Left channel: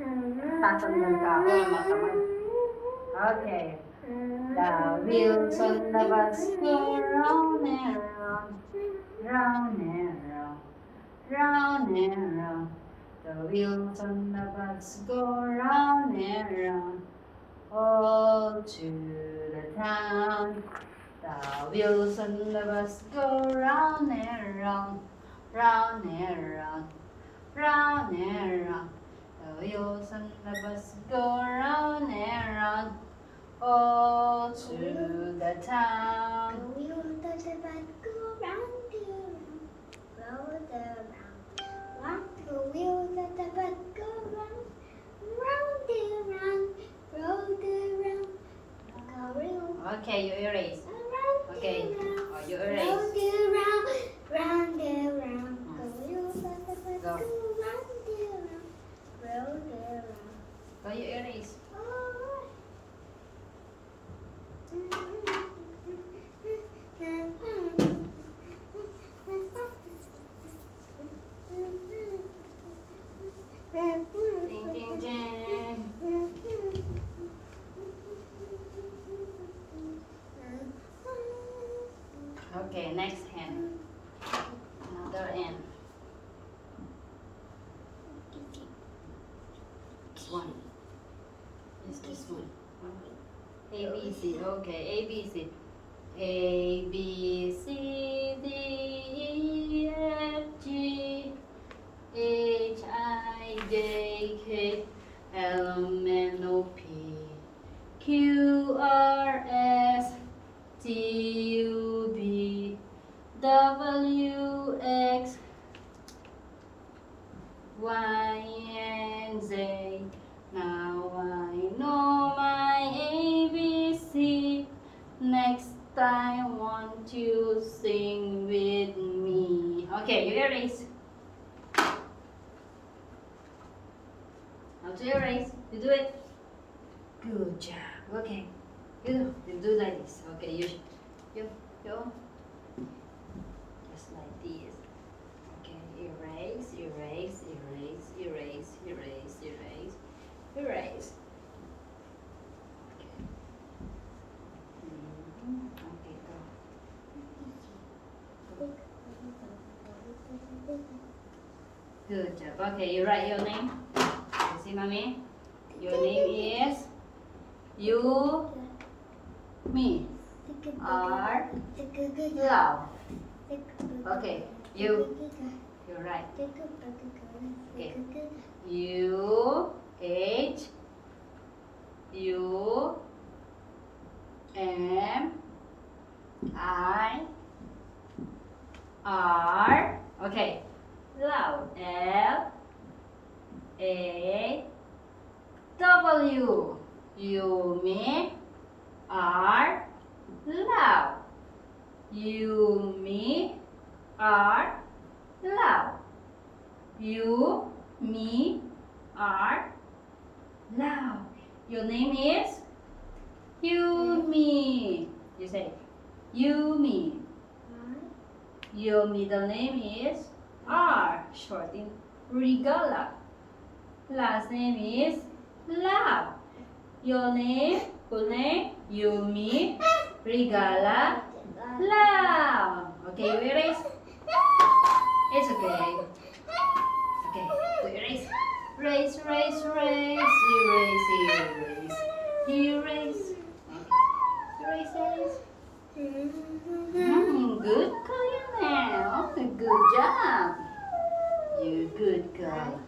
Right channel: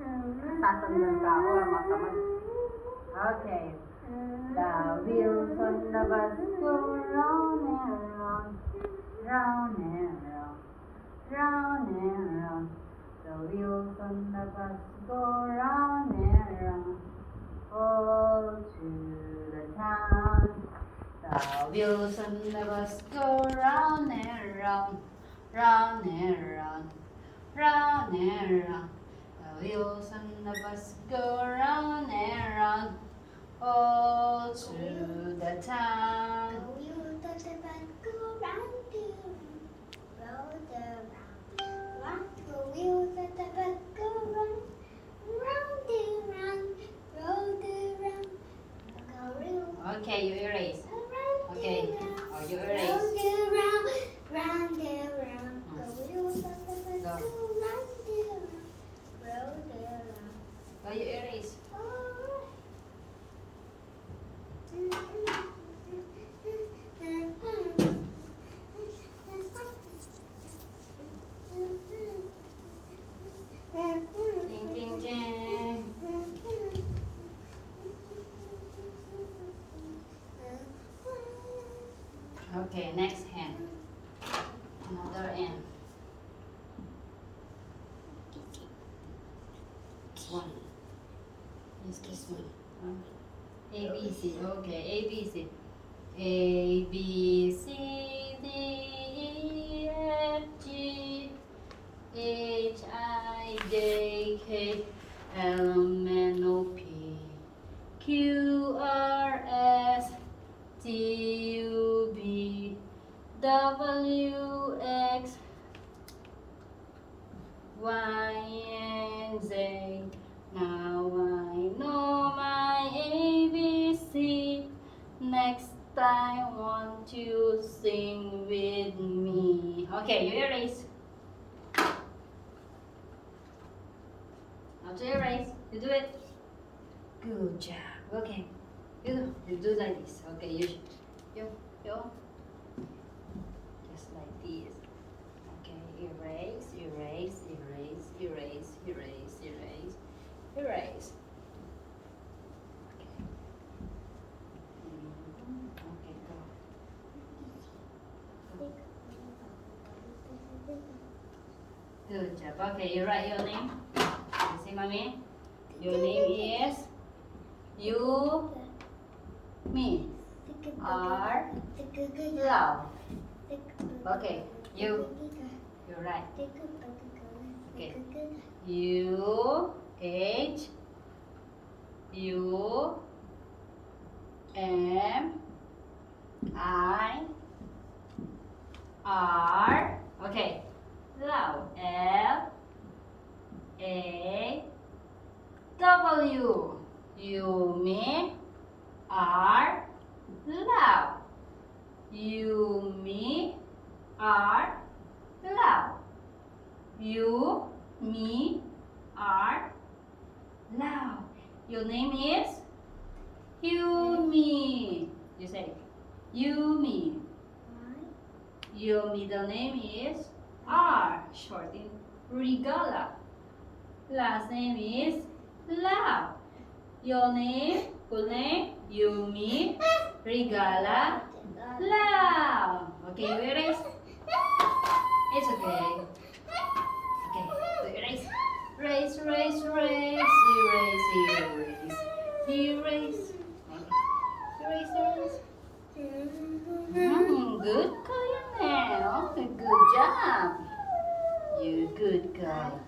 Tatandan ka ako na makamay. Okay. The wheels on the bus go round and round, round and round, round and round. The wheels on the bus go round and round, all to the town. The wheels on the bus go round and round, round and round, round and round. The wheels on the bus go round and round, all to the town. The wheels of the bus go round and round, round and round. The wheels of the bus go round, round and round, round and round. Okay, you erase. Round Okay, and round, oh, you erase. round and round, round and round. The wheels of the bus Go. go round and round, round and round. Go, you erase. Ding, ding, ding. Okay, next hand. Another hand. One. Is this one? A, B, C. Okay, A, B, C. A, B, C, D, E, F, G, H, I, J, K, L, M, N, O, P, Q, R, S, T, U, V, W, X, Y, and Z. Now I know my ABC. Next time, won't you sing with me? Okay, you erase. How to erase? You do it. Good job. Okay. You do like this. Okay, you just like this. Okay, erase, erase, erase, erase, erase, erase, erase. Okay. Okay, go. Good job. Okay, you write your name. You see, mommy? Your name is you, me, are love. Okay, you write. Okay. U, H, U, M, I, R. Okay. Love. L, A, W. You, me, are love. You, me, are love. You, me, are love. Your name is Yumi. You say Yumi. Your middle name is R, short in Regala. Last name is Love. Your name, full name, Yumi, Regala, Love. Okay, you erase? It's okay. Okay, so erase. Erase, erase, erase, erase, erase, erase. Okay. Erase, erase. Good girl, now. Good job. You good girl.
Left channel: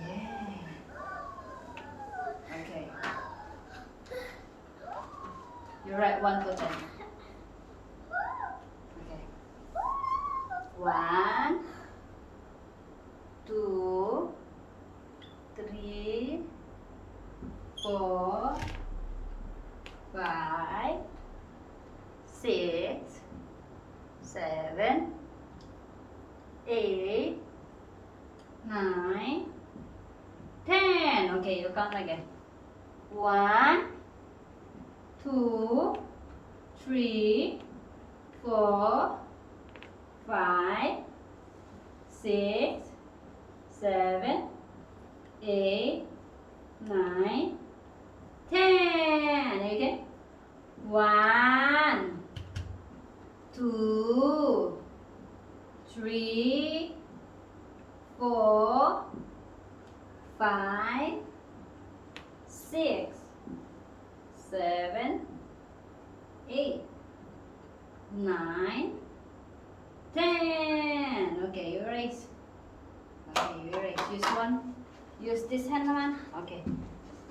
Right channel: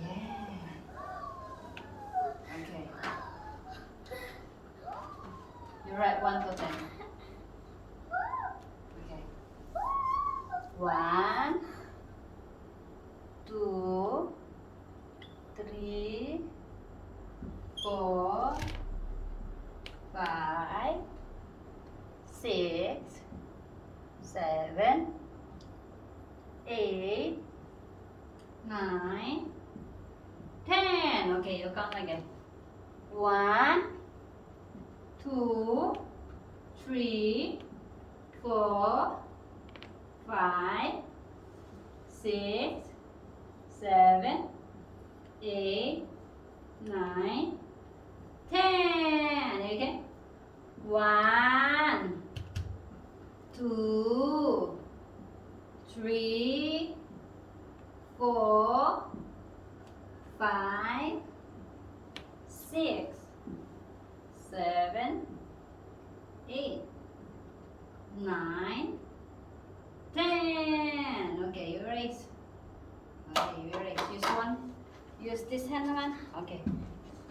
Yeah. Okay. You write 1 to 10. Okay. 1, 2, 3, 4, 5, 6, 7, 8, 9, 10. Okay, you count again. 1, 2, 3, 4, 5, 6, 7, 8, 9, 10. Okay. 1, 2, 3, 4, 5, 6, 7, 8, 9, 10. Okay, you erase. Okay, you erase. Use one. Use this hand, naman. Okay.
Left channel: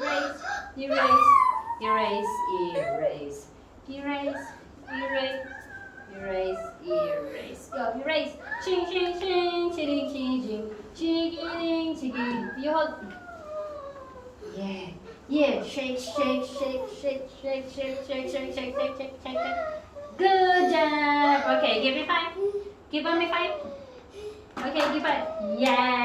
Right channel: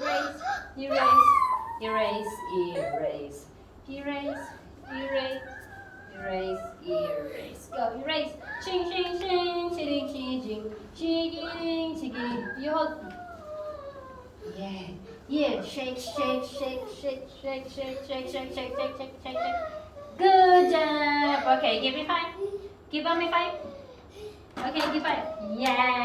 Erase, erase, erase, erase, erase, erase, erase, erase. Go, erase. Ching, ching, ching, ching, ching, ching, ching, ching. You hold. Yeah, yeah. Shake, shake, shake, shake, shake, shake, shake, shake, shake, shake, shake, shake. Good job. Okay, give me 5. Give me 5. Okay, give 5. Yeah.